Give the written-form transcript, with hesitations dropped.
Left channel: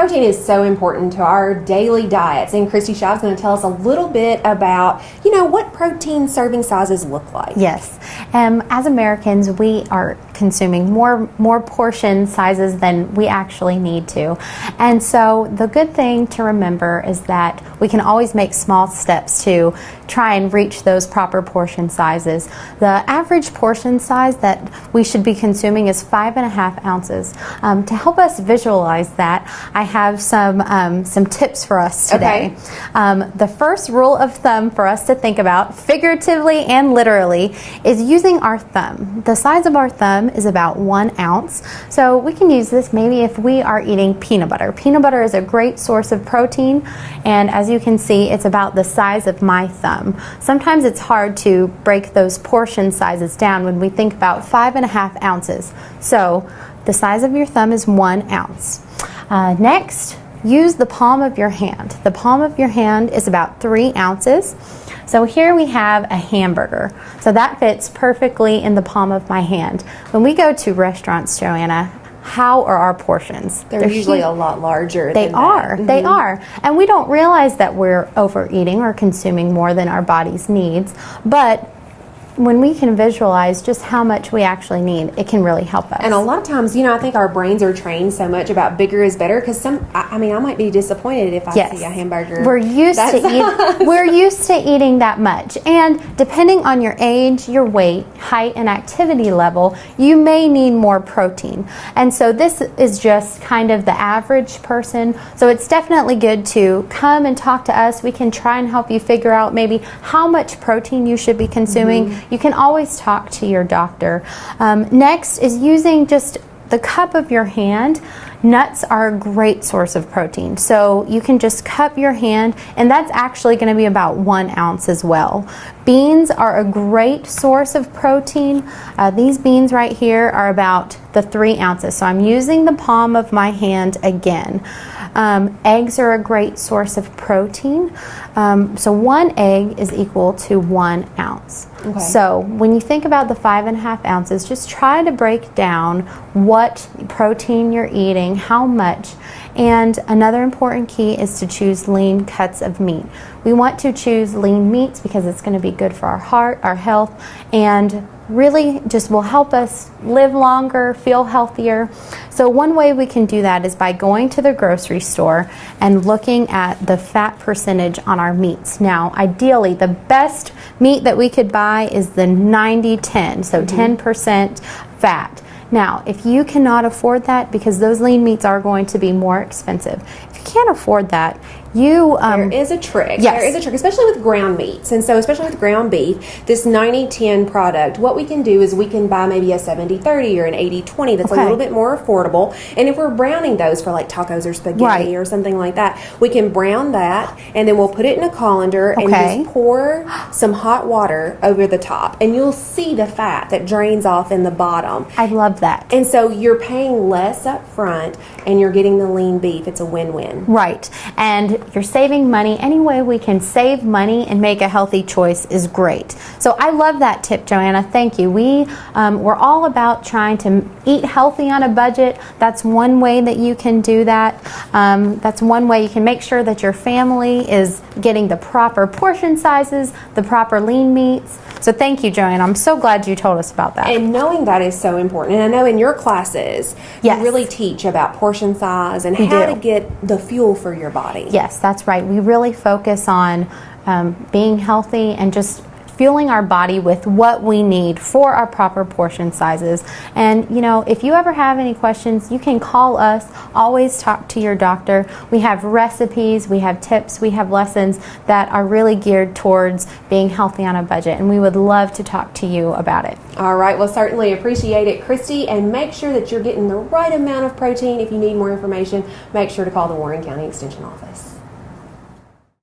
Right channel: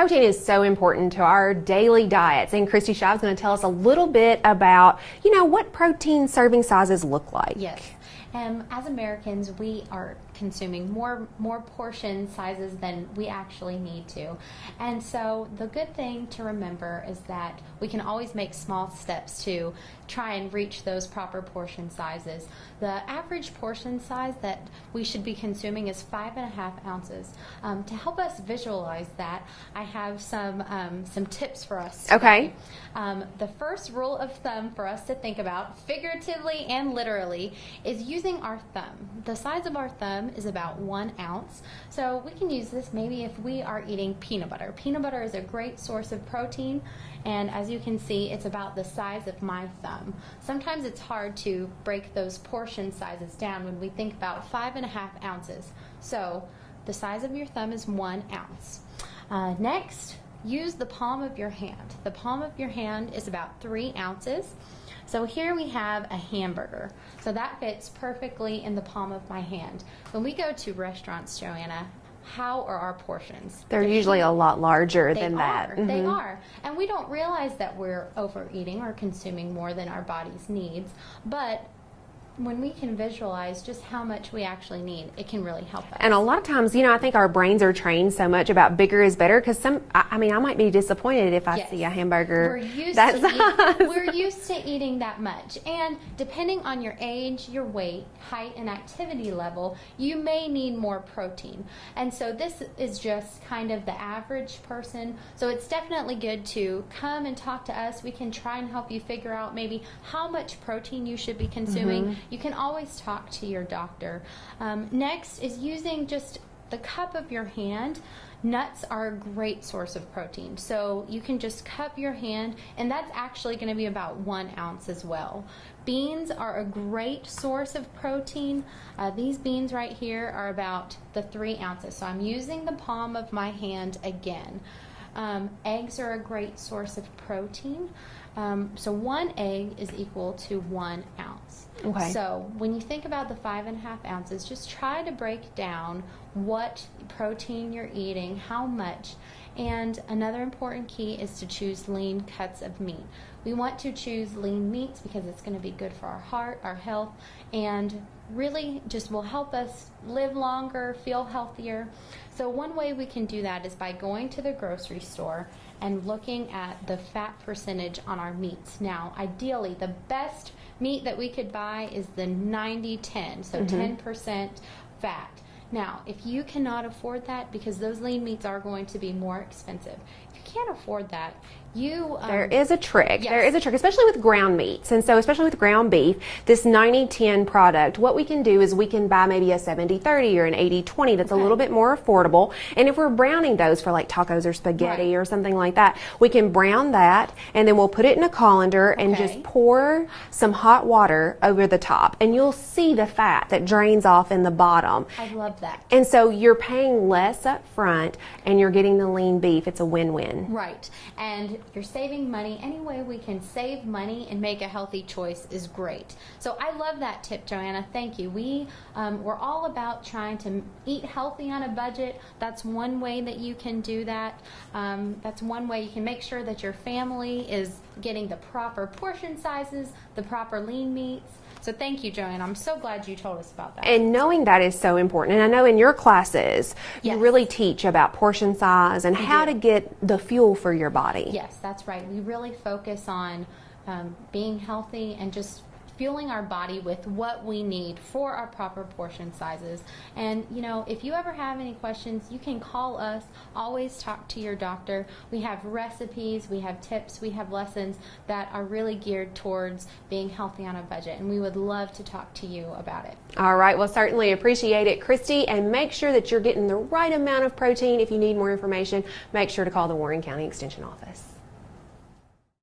protein is so important to our daily diets, and Kristi Shive is going to tell us a little bit about, what protein serving sizes look like. Yes. As Americans, we are consuming more portion sizes than we actually need to. And so the good thing to remember is that we can always make small steps to try and reach those proper portion sizes. The average portion size that we should be consuming is 5.5 ounces. To help us visualize that, I have some tips for us today. Okay. The first rule of thumb for us to think about, figuratively and literally, is using our thumb. The size of our thumb is about 1 ounce. So we can use this maybe if we are eating peanut butter. Peanut butter is a great source of protein, and as you can see, it's about the size of my thumb. Sometimes it's hard to break those portion sizes down when we think about 5.5 ounces. So the size of your thumb is 1 ounce. Next, use the palm of your hand. The palm of your hand is about 3 ounces. So here we have a hamburger. So that fits perfectly in the palm of my hand. When we go to restaurants, Joanna, how are our portions? They're usually a lot larger than that. Mm-hmm. They are. And we don't realize that we're overeating or consuming more than our body's needs. But when we can visualize just how much we actually need, it can really help us. And a lot of times, I think our brains are trained so much about bigger is better, because I might be disappointed if I see a hamburger. We're used to eating that much. And depending on your age, your weight, height, and activity level, you may need more protein. And so this is just kind of the average person. So it's definitely good to come and talk to us. We can try and help you figure out maybe how much protein you should be consuming. Mm-hmm. You can always talk to your doctor. Next is using just the cup of your hand. Nuts are a great source of protein. So you can just cup your hand, and that's actually going to be about 1 ounce as well. Beans are a great source of protein. These beans right here are about the 3 ounces. So I'm using the palm of my hand again. Eggs are a great source of protein. So 1 egg is equal to 1 ounce. Okay. So when you think about the 5.5 ounces, just try to break down what protein you're eating, how much. And another important key is to choose lean cuts of meat. We want to choose lean meats because it's going to be good for our heart, our health, and really just will help us live longer, feel healthier. So one way we can do that is by going to the grocery store and looking at the fat percentage on our meats. Now, ideally, the best meat that we could buy is the 90-10, so 10% fat. Now, if you cannot afford that, because those lean meats are going to be more expensive, if you can't afford that, there is a trick. Yes. There is a trick, especially with ground meats. And so especially with ground beef, this 90-10 product, what we can do is we can buy maybe a 70-30 or an 80-20 that's a little bit more affordable. And if we're browning those for like tacos or spaghetti or something like that, we can brown that, and then we'll put it in a colander and just pour some hot water over the top. And you'll see the fat that drains off in the bottom. I love that. And so you're paying less up front and you're getting the lean beef. It's a win-win. Right. And you're saving money. Any way we can save money and make a healthy choice is great. So I love that tip, Joanna. Thank you. We're all about trying to eat healthy on a budget. That's one way that you can do that. That's one way you can make sure that your family is getting the proper portion sizes, the proper lean meats. So thank you, Joanna. I'm so glad you told us about that. And knowing that is so important. And I know in your classes, you really teach about portion size and how to get the fuel for your body. Yes, that's right. We really focus on being healthy and just fueling our body with what we need for our proper portion sizes. And if you ever have any questions, you can call us. Always talk to your doctor. We have recipes, we have tips, we have lessons that are really geared towards being healthy on a budget, and we would love to talk to you about it. All right, well, certainly appreciate it, Kristi, and make sure that you're getting the right amount of protein. If you need more information, make sure to call the Warren County Extension Office.